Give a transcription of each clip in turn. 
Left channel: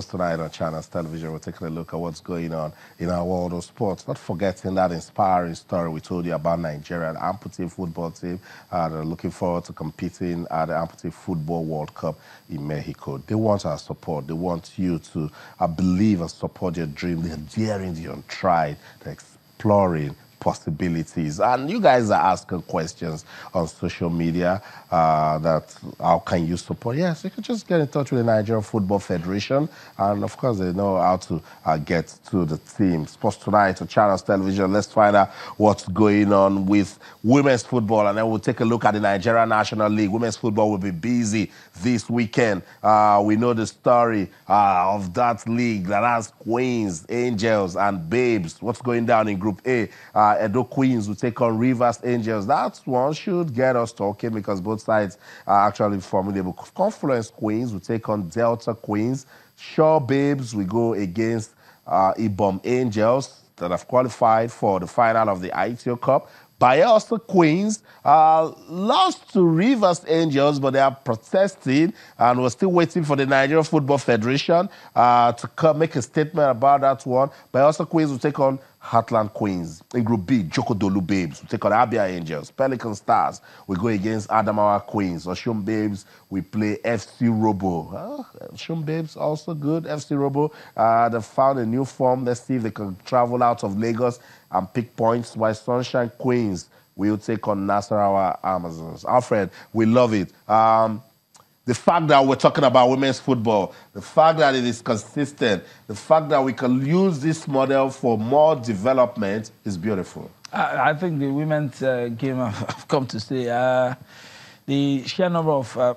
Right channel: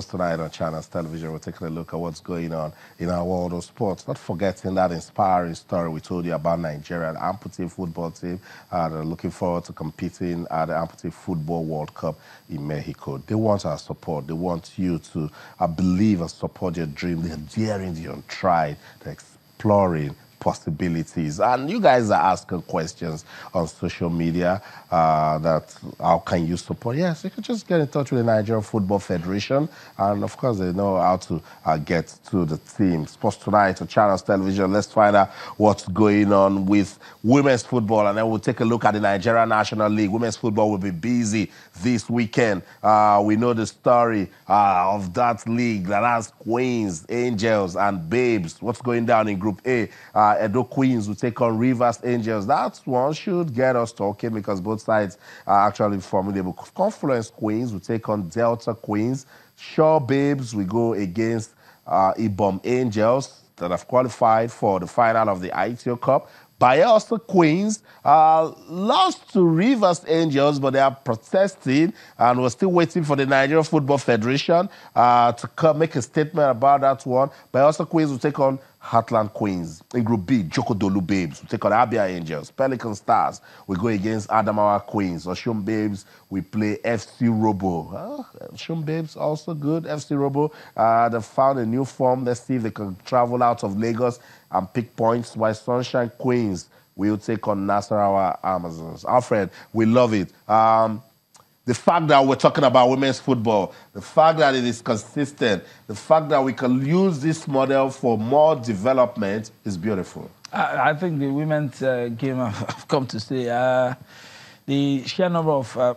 Tonight on Channels Television, we're taking a look at what's going on in our world of sports. Not forgetting that inspiring story we told you about Nigeria, the amputee football team. They're looking forward to competing at the Amputee Football World Cup in Mexico. They want our support. They want you to believe and support your dream. They're daring the untried. They're exploring possibilities, and you guys are asking questions on social media that how can you support? Yes, you can just get in touch with the Nigerian Football Federation, and of course they know how to get to the team. Sports Tonight on Channels Television. Let's find out what's going on with women's football, and then we'll take a look at the Nigerian National League. Women's football will be busy this weekend. We know the story of that league that has Queens, Angels, and Babes. What's going down in Group A? Edo Queens will take on Rivers Angels. That one should get us talking because both sides are actually formidable. Confluence Queens will take on Delta Queens. Shaw Babes will go against Ibom Angels that have qualified for the final of the ITO Cup. Bayelsa Queens lost to Rivers Angels, but they are protesting, and we're still waiting for the Nigerian Football Federation to make a statement about that one. Bayelsa Queens will take on Heartland Queens. In Group B, Jokodolu Babes will take on Abia Angels. Pelican Stars will go against Adamawa Queens. Oshun Babes will play FC Robo. Oshun Babes also good. FC Robo, they've found a new form. Let's see if they can travel out of Lagos and pick points. While Sunshine Queens will take on Nasarawa Amazons. Alfred, we love it. The fact that we're talking about women's football, the fact that it is consistent, the fact that we can use this model for more development is beautiful. I think the women's game have come to stay. The sheer number of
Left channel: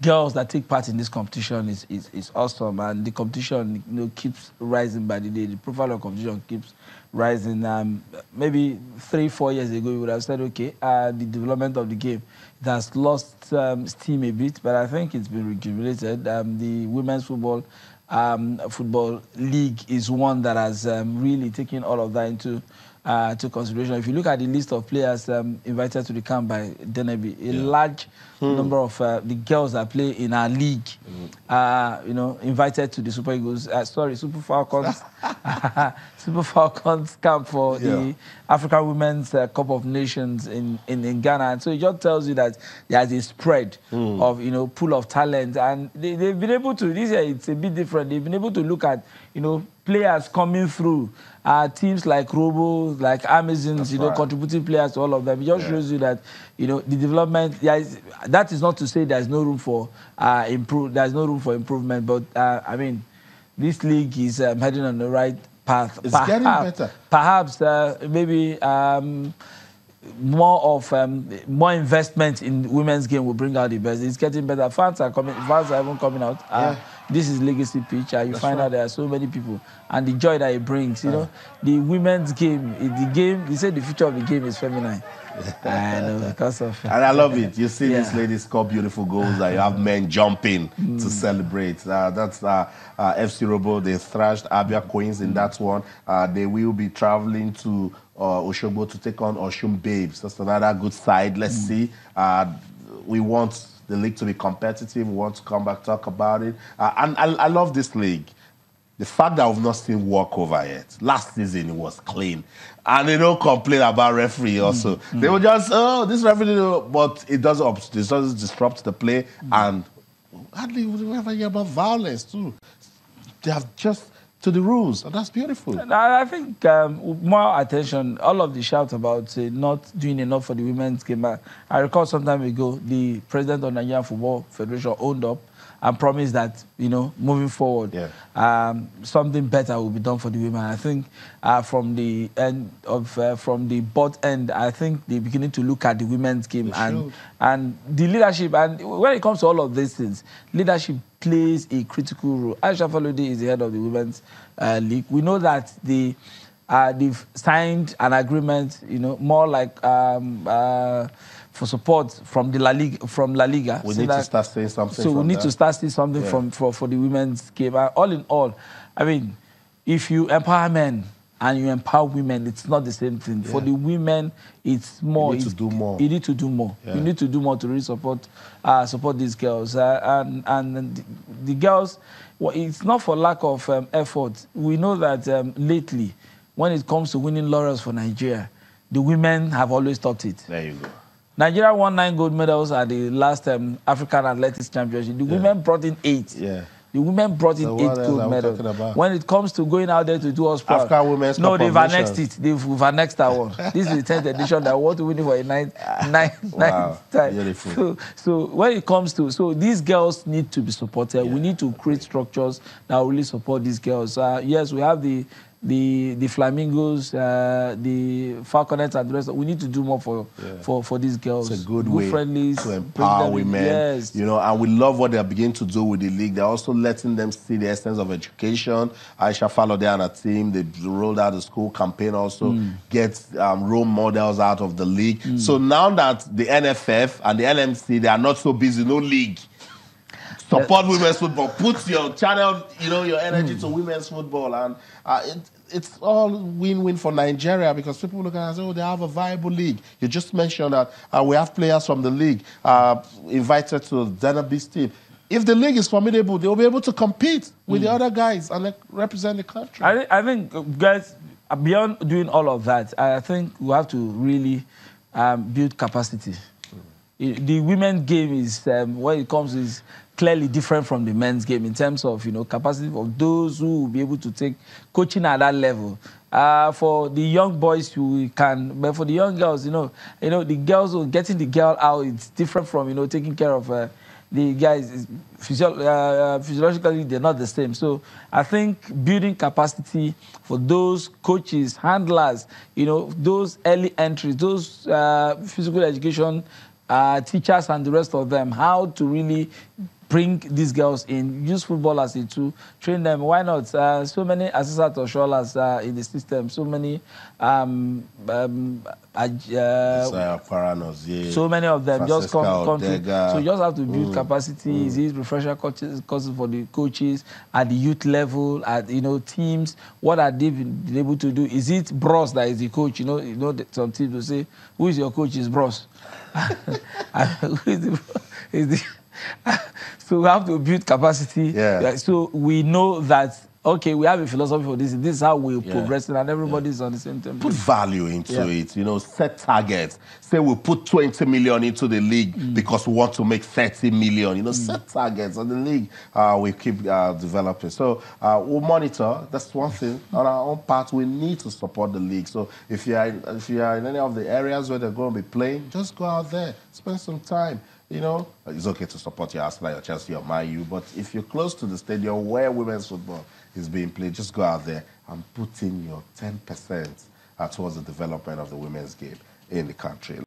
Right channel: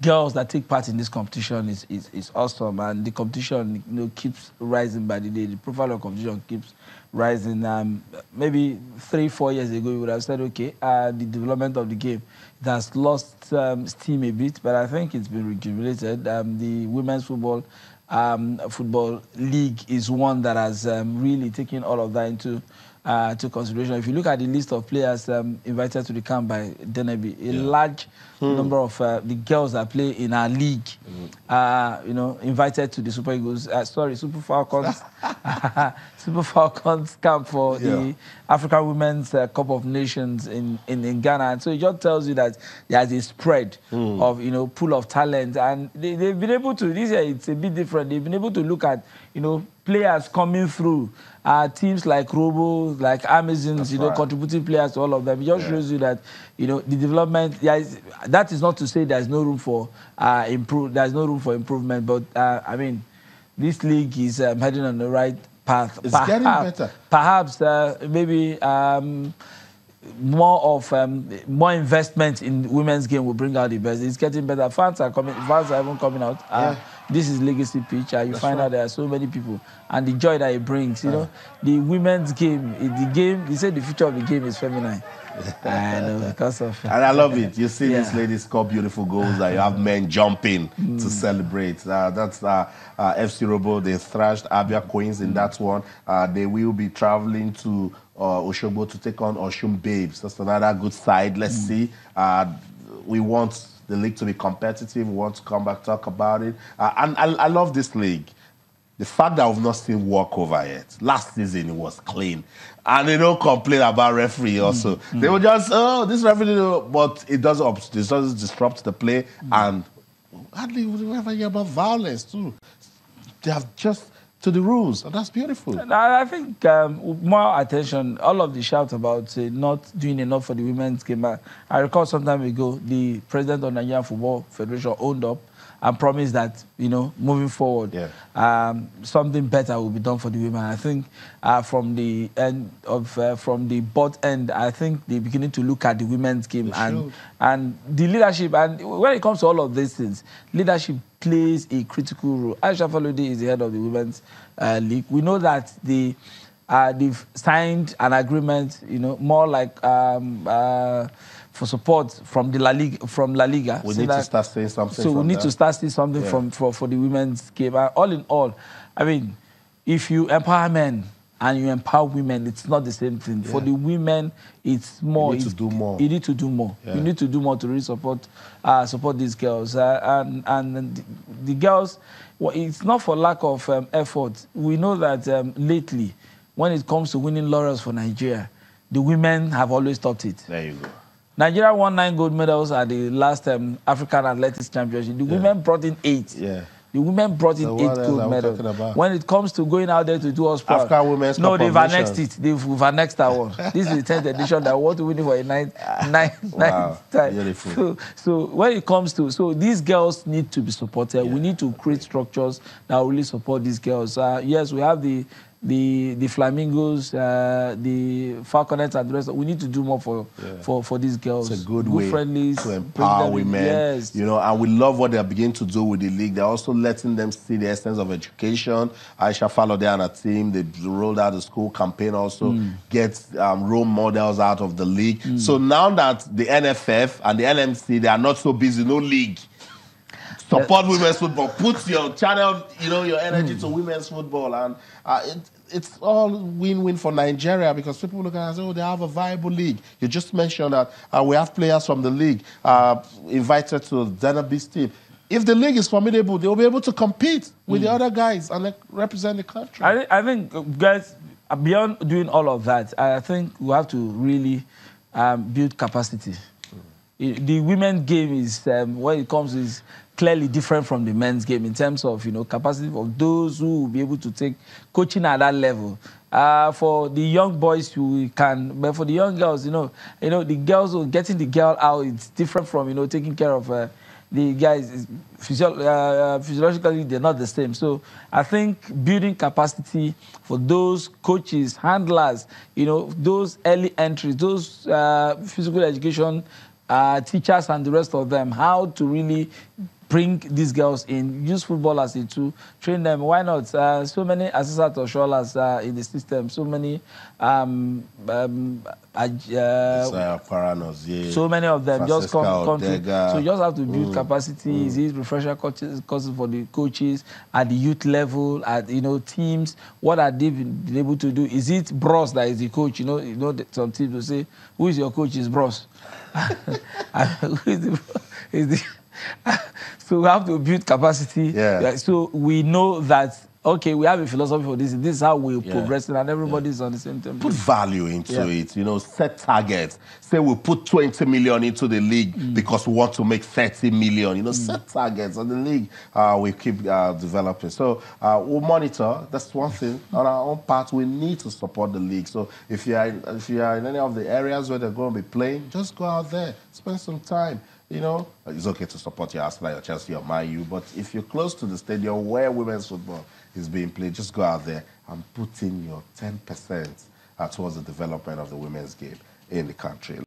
girls that take part in this competition is awesome, and the competition keeps rising by the day. The profile of competition keeps rising. Maybe 3-4 years ago, we would have said, okay, the development of the game has lost steam a bit, but I think it's been rejuvenated. The women's football league is one that has really taken all of that into consideration. If you look at the list of players invited to the camp by Deneby, a large number of the girls that play in our league, invited to the Super Eagles, Super Falcons, Super Falcons camp for the African Women's Cup of Nations in Ghana. And so it just tells you that there's a spread of pool of talent, and they've been able to. This year it's a bit different. They've been able to look at players coming through. Teams like Robo, like Amazons, contributing players to all of them. It just shows you that, the development, that is not to say there's no room for there's no room for improvement, but I mean, this league is heading on the right path. It's getting better. Perhaps maybe more investment in women's game will bring out the best. It's getting better. Fans are even coming out. This is legacy pitch. You find out there are so many people, and the joy that it brings. The women's game, they say the future of the game is feminine. Because of and I love it. You see these ladies score beautiful goals, and you have men jumping to celebrate. That's FC Robo. They thrashed Abia Queens in that one. They will be traveling to Oshogbo to take on Oshun Babes. That's another good side. Let's see. We want the league to be competitive. We want to come back, talk about it. And I love this league. The fact that we've not seen walkover yet. Last season it was clean. And they don't complain about referee also. They were just, this referee, but it doesn't disrupt the play. And hardly would we ever hear about violence too. They have just to the rules, and that's beautiful. I think more attention, all of the shouts about not doing enough for the women's game. I recall some time ago, the president of Nigerian Football Federation owned up and promised that, moving forward, something better will be done for the women. I think from the end of, from the board end, I think they're beginning to look at the women's game and the leadership. And when it comes to all of these things, leadership plays a critical role. Aisha Falode is the head of the women's league. We know that they've signed an agreement, more like for support from the La Liga. We need to start saying something. So we need to start saying something for the women's game. All in all, I mean, if you empower men and you empower women, it's not the same thing. For the women, it's more. You need to do more. You need to do more. Yeah. You need to do more to really support these girls. And the girls, well, it's not for lack of effort. We know that lately, when it comes to winning laurels for Nigeria, the women have always topped it. There you go. Nigeria won 9 gold medals at the last African Athletics Championship. The women brought in 8. Yeah. The women brought in 8 gold medals. When it comes to going out there to do us proud, no, they've annexed it. They've annexed that one. This is the 10th edition that we want to win it for a ninth time. Beautiful. So when it comes to, these girls need to be supported. We need to create structures that will really support these girls. Yes, we have the flamingos, the falconets, and the rest. We need to do more for these girls. It's a good way to empower women. Yes. You know, and we love what they're beginning to do with the league. They're also letting them see the essence of education. Aisha Falode and her team, they rolled out the school campaign also, get role models out of the league. So now that the NFF and the NMC, they are not so busy, no league. Support women's football. Put your channel, your energy to women's football, and it's all win-win for Nigeria, because people look at it and say, oh, they have a viable league. You just mentioned that we have players from the league invited to Zenab's team. If the league is formidable, they'll be able to compete with the other guys and represent the country. I think, guys, beyond doing all of that, I think we have to really build capacity. The women's game is, when it comes, is clearly different from the men's game in terms of, capacity of those who will be able to take coaching at that level. For the young boys, we can, but for the young girls, the girls, getting the girl out, it's different from, taking care of the guys. Physiologically, they're not the same. So I think building capacity for those coaches, handlers, those early entries, those physical education teachers and the rest of them, how to really bring these girls in, use football as a tool, train them. Why not? So many assistant officials in the system, so many so many of them just come to, so you just have to build capacity. Is it refresher courses for the coaches at the youth level, at teams? What are they been able to do? Is it Bros that is the coach? Some teams will say, who is your coach? Is Bros. So we have to build capacity. Yeah. So we know that, okay, we have a philosophy for this. This is how we're progressing, and everybody's on the same tempo. Put value into it. Set targets. Say we put 20 million into the league because we want to make 30 million. Set targets on the league. We keep developing. So we'll monitor. That's one thing. On our own part, we need to support the league. So if you are in any of the areas where they're going to be playing, just go out there, spend some time. It's okay to support your Arsenal, your Chelsea, your Man U, but if you're close to the stadium where women's football is being played, just go out there and put in your 10% towards the development of the women's game in the country.